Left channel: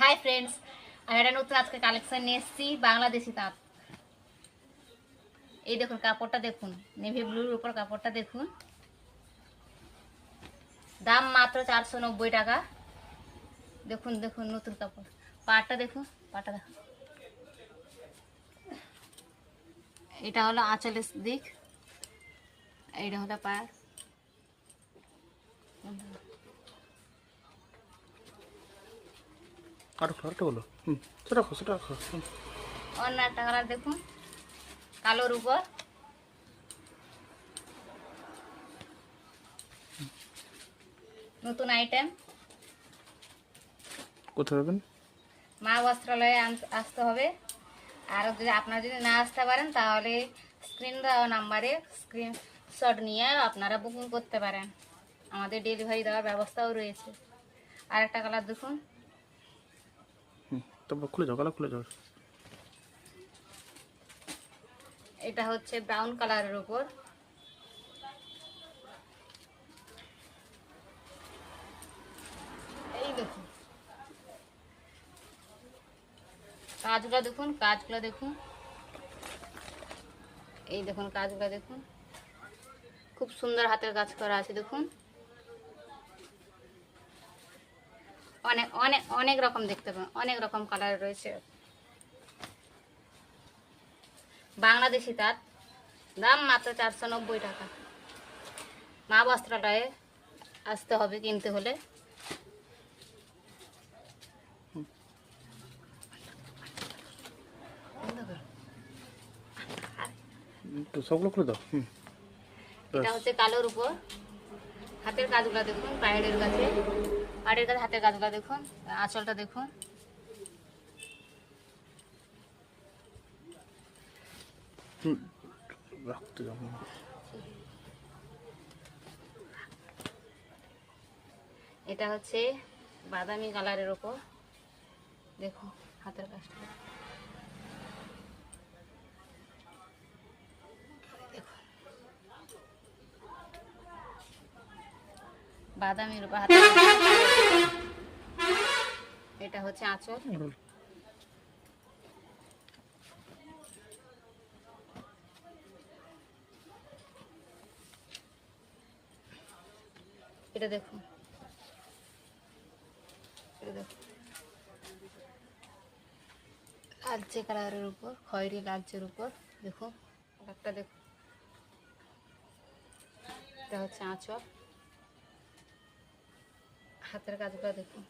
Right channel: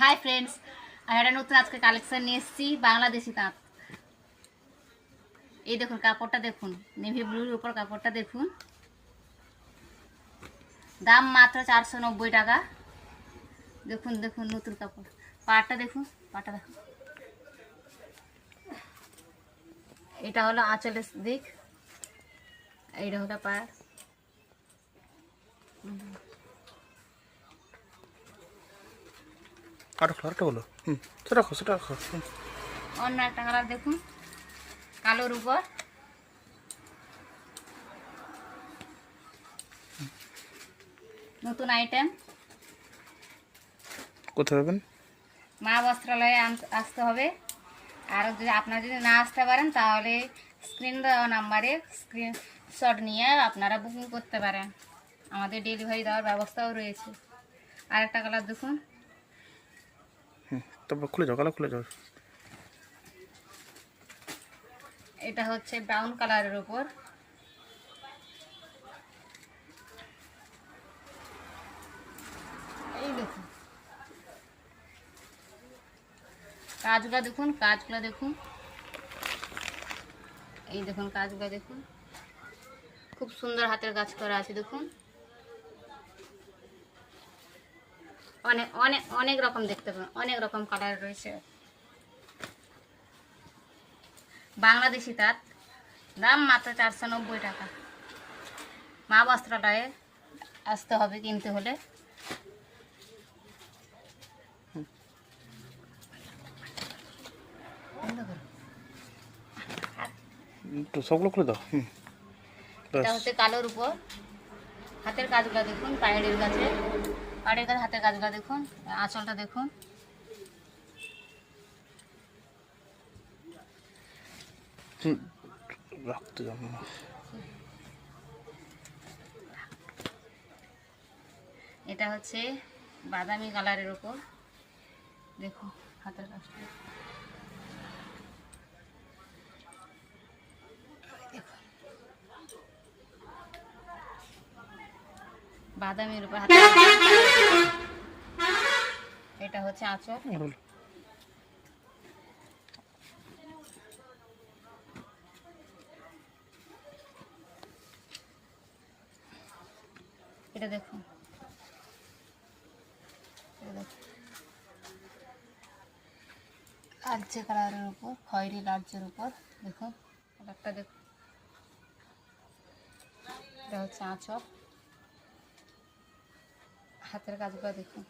Hi friends, আমি একটা নতুন আজকে কালেকশন নিয়ে এসেছি বাংলাদেশি তাঁত। এই দেখুন কাপড়টা, দেখুন নেভি ব্লুর উপর কাপড়টা দেখুন, দাম মাত্র 490 টাকা। দেখুন দেখুন নতুন কাপড়, পাটটা দেখুন, পাটটা দেখুন। এটা হলো আঁচলের দিক, এইটা হলো পাড়। আরেকটা বলো। সেটা রাখো। অন্য একটা কালার দেখুন, কালোর উপর। নতুন আইটেম। কোথায় পাবেন? মা বস্ত্রালয়ে আসতে হবে। আর যদি আপনারা যদি না আসতে পারেন তাহলে স্ক্রিন দেওয়া নাম্বারে স্ক্রিনশট নিয়ে আপনারা বুকিং করতে পারেন। আমাদের ডেলিভারি দেওয়ার ব্যবস্থাও রয়েছে। আর একটা কালার দেখুন, তারপর খুলে যাও, কালার খুলে যাও। এটা হচ্ছে ব্রাউন কালারের উপর। এই দেখুন কাজগুলো দেখুন, কাজগুলো দেখুন, এই দেখুন কাজগুলো দেখুন, খুব সুন্দর হাতের কাজ করা আছে। দেখুন অনেক অনেক অনেক রকম দেখতে পাবেন, অনেক রকম কালার রয়েছে। বাংলাদেশি তাঁত, দাম মাত্র 490 টাকা। মা বস্ত্রালয়ে আসতে হবে কিনতে হলে। সবগুলো খুলে দাও। এটা হচ্ছে কালোর উপর। হাতের কাজগুলো দেখুন, পাড়ের কাছে হাতের কাজগুলো দেখুন, আঁচলটা দেখুন। রাখতে যাবো। এটা হচ্ছে বাদামি কালারের উপর। দেখুন হাতের কাজটা, বাদামির উপর হাতের। এটা হচ্ছে আঁচল। এটা দেখুন, লালচে কালারের উপর, খয়েরি লালচের উপর। দেখুন একটা দেখুন, এটা হচ্ছে আঁচল। হাতের কাজগুলো দেখুন।